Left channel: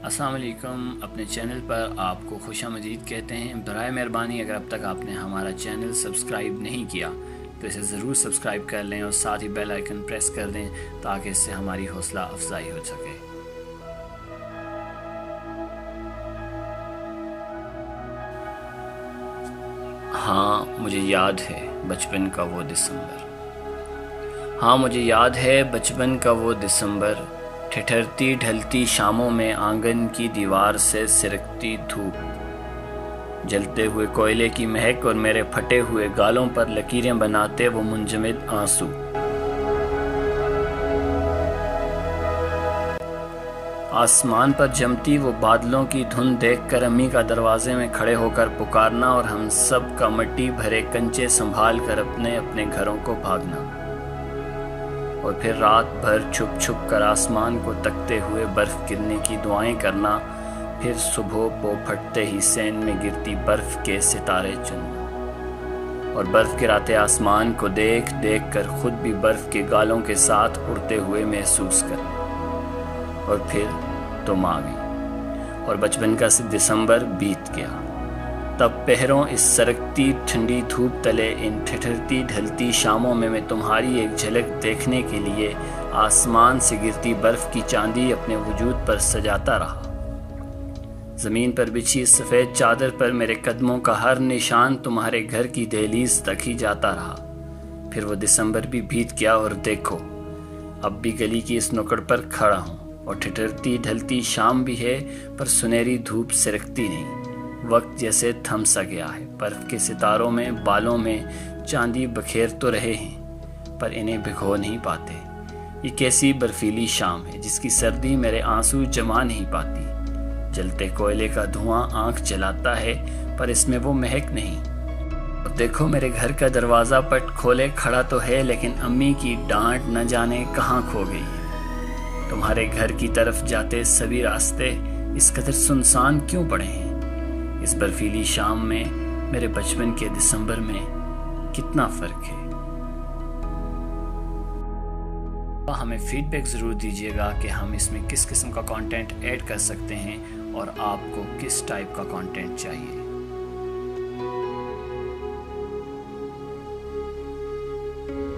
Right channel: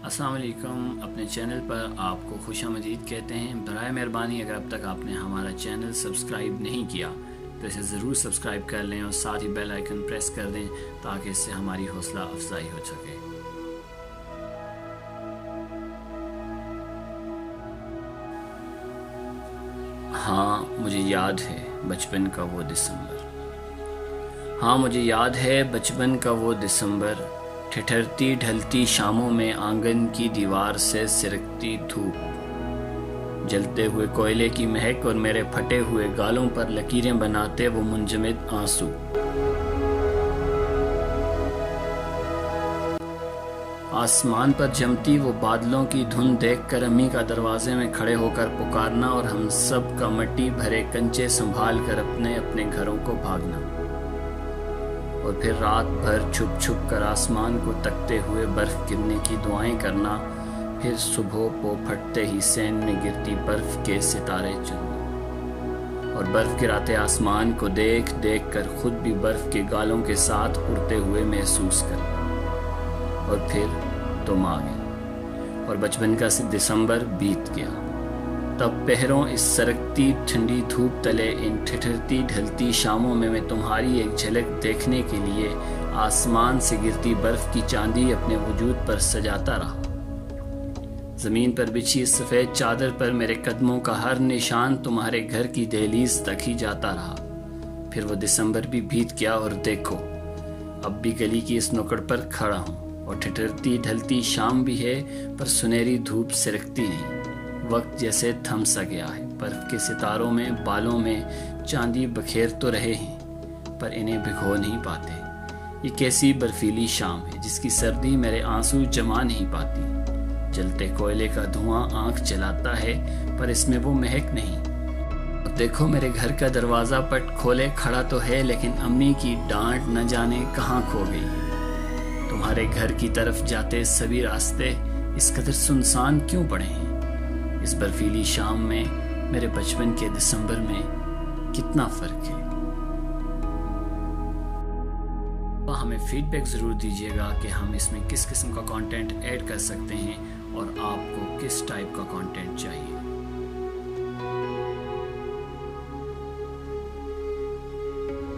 अस्सलाम वालेकुम। अपने चैनल पर आपको खुशामदीद कहते हैं। बराए मेहरबानी अगर अब तक आपने हमारा चैनल सब्सक्राइब नहीं किया तो इसे ज़रूर सब्सक्राइब कर लें और साथ ही बेल आइकन प्रेस कर दें ताकि इससे हमारी हौसला अफजाई हो सके। हाँ मुझे याद है बचपन का वो दिसंबर। हाँ मुझे याद है बचपन का वो दिसंबर, ठिठुरती ढलती शामों में आंगन की दीवार से सिरकती धूप, जलते हुए कोयले की महक और मेरे फटे हुए गालों पर लकीरें बनाते वो मुंजमद आंसू। आसमान पर जमती वो बादलों की धुंध देखकर अम्मी का दरवाजे में खड़े होकर पुकारना और हम सब का मिट्टी भरे कंचे संभाल कर अपने अपने घरों को भागना, और फिर रात भर छुप छुप कर आसमान को तकते हुए बर्फ गिरने की दुआएं करना, फिर सुबह पो फटते ही सैन में गिरती बर्फ के सितारे चुनना, और बर्फ गिराते आसमान को देख देख कर खुद भी बर्फ के गालों के साथ उड़ते हुए महसूस करना। और फिर तुम आ गई और बचपन का दिसंबर बीत गया। तब पहरों इस सरकती ठंडी धूप तले इन ठिठुरती ढलती शामों में मैं तुम्हारी एक झलक देखने के लिए आसमान से गिरती बर्फ की चांदी अपने वजूद पर सजाता रहा। जमीन पर बिछी सफ़ेद चादर पर मेरे कदमों का हर निशान तुम्हारे घर की दहलीज तक ही जाता रहा। फिर वो दिसंबर भी बीत गया और देखो अब भी गली की इस नुक्कड़ पर खड़ा हूँ, और ठिठुरती ढलती शाम भी है पर सुनहरी धूप सिरकती नहीं। वक्त जैसे थम सा गया है। बर्फ के सितारों में बालों में चांदी बखेर तो रहे हैं पर इन्हें भिगो नहीं पाते। ये कैसी बर्फीली शाम है जिसकी सर्दी मेरे आंसू जमा नहीं पाती। जलते कोयले का धुआं आंख जलाता है पर इसमें वो महक नहीं। और देखो मेरे घर का दरवाज़ा पट खोले खड़ा तो है, लेकिन अम्मी की डांट न जाने कहाँ खो गई है। तुम्हारे घर की तरफ जाते सभी रास्ते इस कदर सुनसान क्यों पड़े हैं? इस बर्फीली शाम में मेरे बचपन के दिसंबर में कितना फ़र्क है। हमें फीडबैक ज़रूर दीजिएगा कि हम इसमें किस किस्म का कंटेंट ऐड कर सकते हैं और आपको किस टाइप का कंटेंट चाहिए।